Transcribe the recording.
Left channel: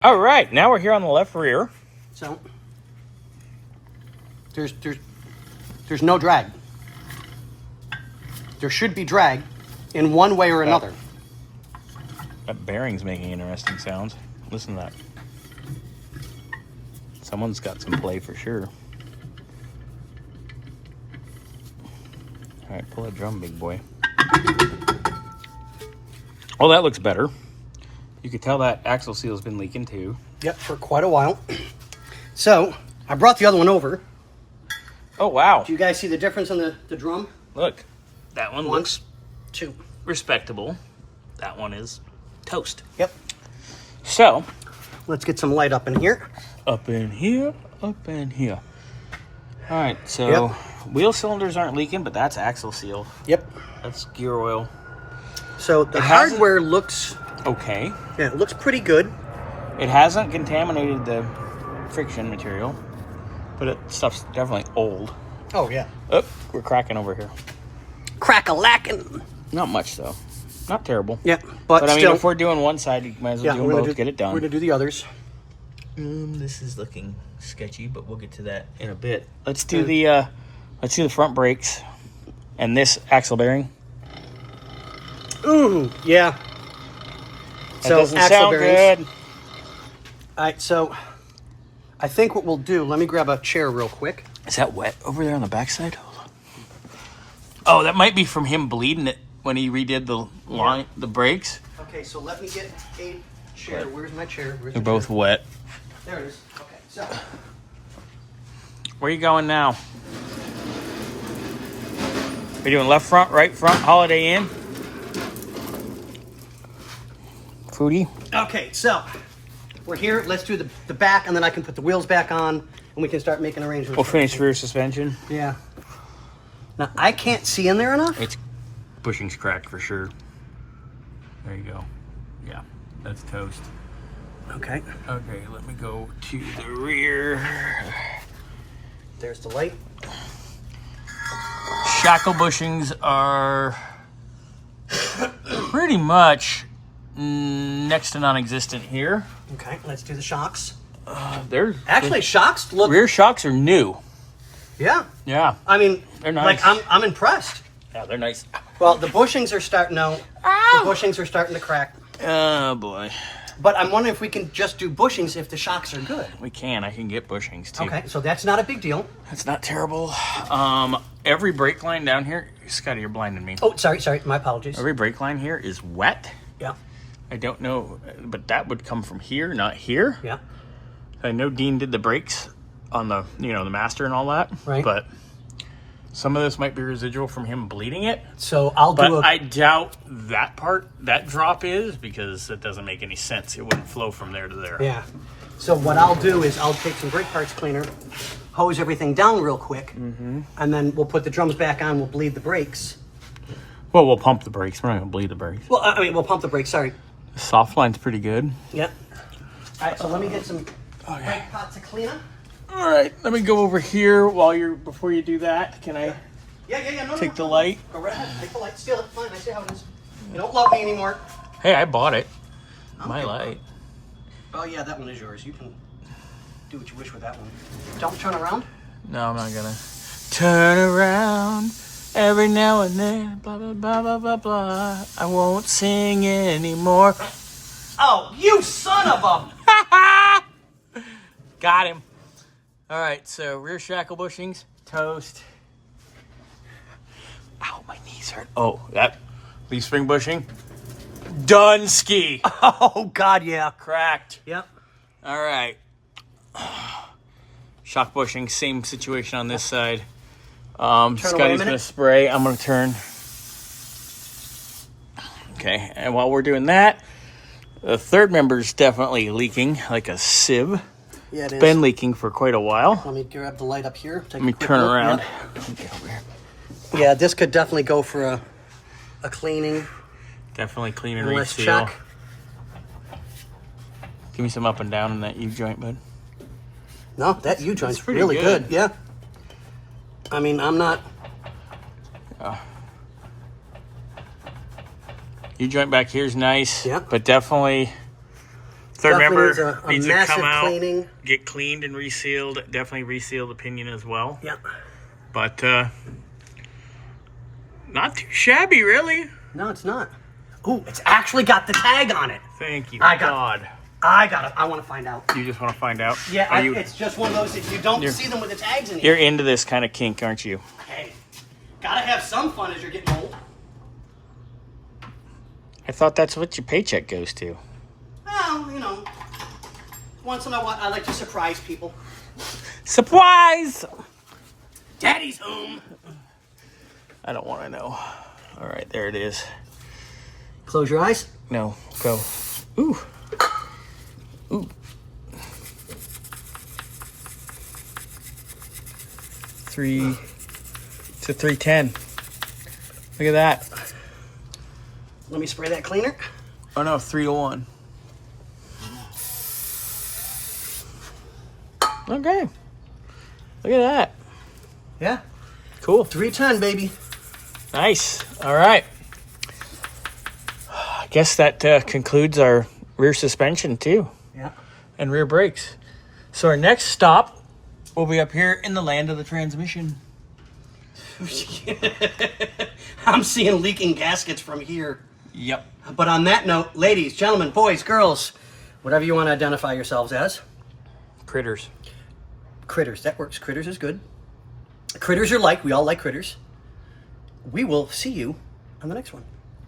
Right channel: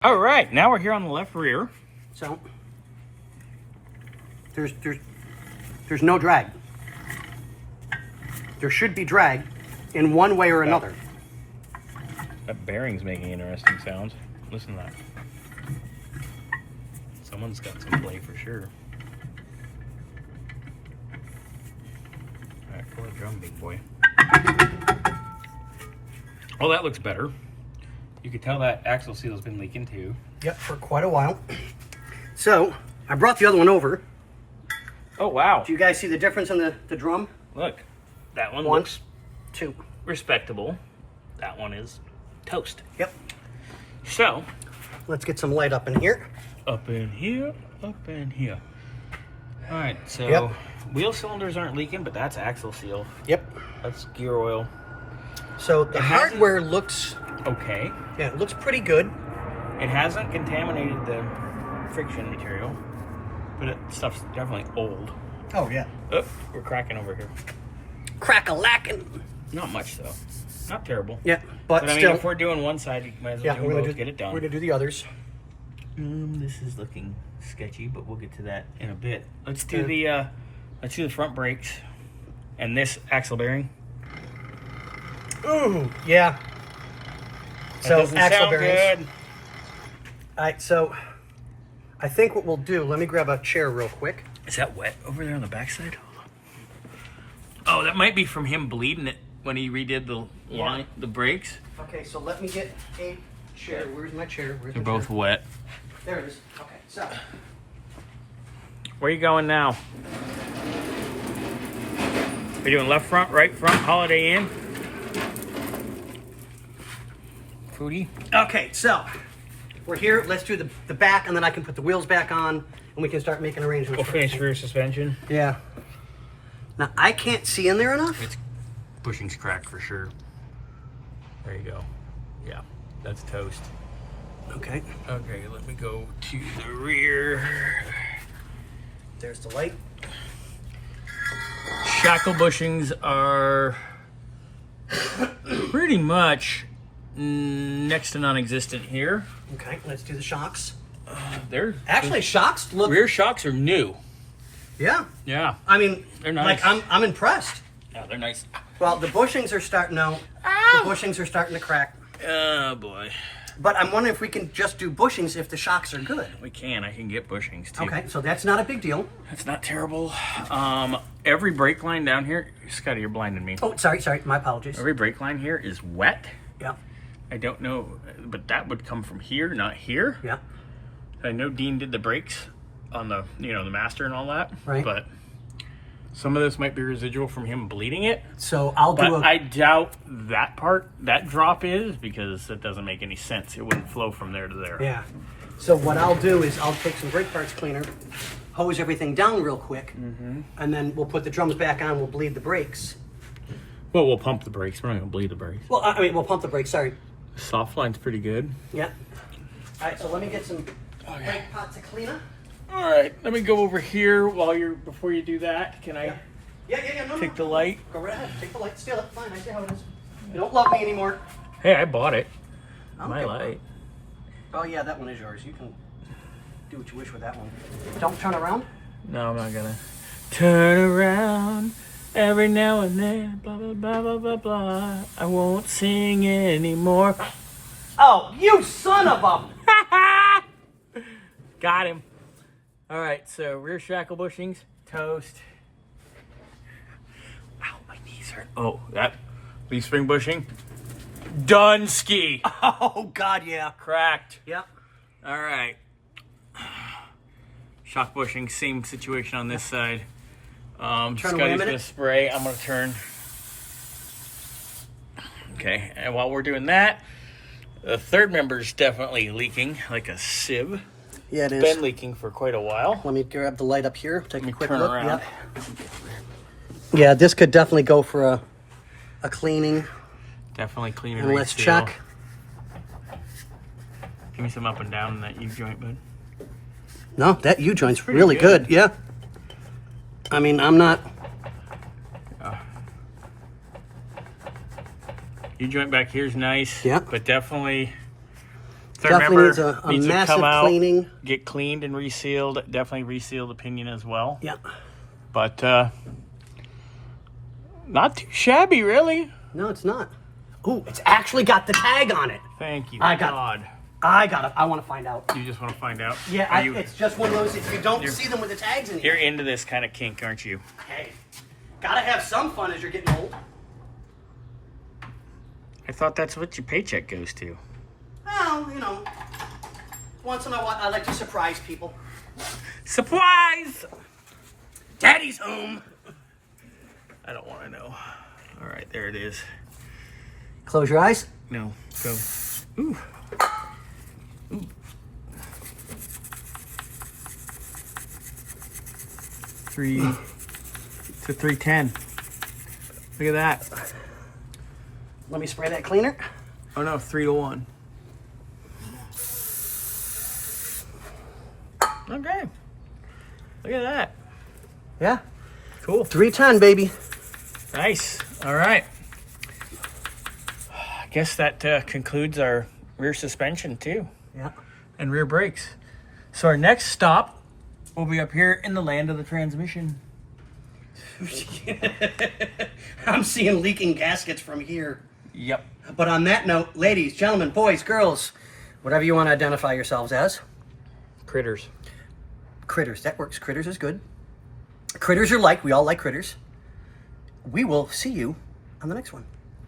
All right, now we're here on the left rear. So there's no drag. There should be drag in one way or another. That bearing's making interesting sounds. Listen to that. Someone's got some play for sure. All right, pull that drum, big boy. Oh, that looks better. You can tell that axle seal's been leaking too. Yep, for quite a while. So I brought the other one over. Oh, wow. Do you guys see the difference in the drum? Look, that one looks respectable. That one is toast. Yep. So, let's get some light up in here. Up in here, up in here. All right, so wheel cylinders aren't leaking, but that's axle seal. Yep. That's gear oil. So the hardware looks okay. Yeah, it looks pretty good. It hasn't contaminated the friction material, but stuff's definitely old. Oh, yeah. Oh, we're cracking over here. Crack-a-lackin'. Not much, though. Not terrible. Yeah, but I mean, still, if we're doing one side, you might as well do them both, get it done. We're going to do the others. This is looking sketchy, but we'll get to that in a bit. Let's do the front brakes and this axle bearing. Ooh, yeah. That doesn't sound good. All right, so I think what we'll do, let me grab a chair real quick. Is that wet over there on the backside? Oh, that might be from him bleeding it when he redid the brakes. Okay, so let me get a chair. Where's my chair? They're both wet. There it is. Okay, so. Where are you going now? Are you doing left front, right front, Holiday Inn? Foodie? Okay, so we're here. Let's do the back, and then I can put the wheels back on, and we can start making arrangements. We'll finish rear suspension. Yeah. Now, I can't see in there enough. It's bushing's cracked for sure. There you go. Yeah, that's toast. Okay. Okay, let me go to the rear. There's the light. Shackle bushings are pretty much next to non-existent here. Okay, let's do the shocks. They're shocks look. Rear shocks are new. Yeah. Yeah. I mean, they're nice. Like I'm impressed. Yeah, they're nice. Well, the bushings are starting. No, the bushings are starting to crack. Oh boy. But I'm wondering if we can just do bushings if the shocks are good. We can. I can get bushings too. Okay, so that's not a big deal. That's not terrible. Every brake line down here, Scotty, you're blinding me. Oh, sorry. My apologies. Every brake line here is wet. Yeah. I don't know, but that would come from here, not here. Yeah. I know Dean did the brakes on the, the master and all that. Right. But some of this might be residual from him bleeding it. So I doubt that drop is, because it doesn't make any sense. It wouldn't flow from there to there. Yeah. So what I'll do is I'll take some brake parts cleaner, hose everything down real quick, and then we'll put the drums back on. We'll bleed the brakes. Well, we'll pump the brakes. We're not going to bleed the brakes. Well, I mean, we'll pump the brakes. Sorry. The soft line's pretty good. Yeah. All right. So let me get some brake pots of cleaner. All right. Let me go over here before you do that. Can I take the light? Go right ahead. Take the light. Steal it. Fine. I see how it is. You don't love me anymore. Hey, I bought it. Okay. My light. Oh, yeah, that one is yours. You can do what you wish with that one. Don't turn around. No, I'm not gonna. Turn around every now and then. Blah, blah, blah, blah, blah, blah. I won't sing anymore. Oh, you son of a... Got him. All right, so rear shackle bushings, toast. Ow, my knees hurt. Oh, that leaf spring bushing, done ski. Oh, God, yeah. Cracked. Yep. All right. Shock bushing, same situation on this side. Scotty's gonna spray. I'm gonna turn. Okay, and while we're doing that, the third member's definitely leaking like a sieve. Yeah, it is. Been leaking for quite a while. Let me grab the light up here. Let me turn around. Yep. Yeah, this could definitely go for a cleaning. Definitely clean and Let's reseal. check. Give me some up and down in that U-joint, bud. No, that U-joint's pretty really good. good. Yeah. I mean, I'm not... U-joint back here is nice. Yeah. But definitely So Definitely remember, needs these a would come massive out, cleaning. get cleaned and resealed. Definitely reseal the pinion as well. Yeah. But not too shabby, really. No, it's not. Ooh, it's actually got the tag on it. Thank you, I got God. I want to find out. You just want to find out? Yeah, Are you, it's just one of those, if you don't see them with the tags in you're here. into this kind of kink, aren't you? Hey, gotta have some fun as you're getting old. I thought that's what your paycheck goes to. Well, you know, once in a while, I like to surprise people. Surprise! Daddy's home. I don't want to know. All right, there it is. Close your eyes. No, go. Ooh. Ooh. 3 to 310. Look at that. Let me spray that cleaner. Oh no, 301. Okay. Look at that. Yeah. Cool. 310, baby. Nice. All right. I guess that concludes our rear suspension too. Yeah. And rear brakes. So our next stop will be up here in the land of the transmission. I'm seeing leaking gaskets from here. Yep. But on that note, ladies, gentlemen, boys, girls, whatever you want to identify yourselves as. Critters. Critters. That works. Critters is good. Critters are like. We all like critters. We will see you on the next one.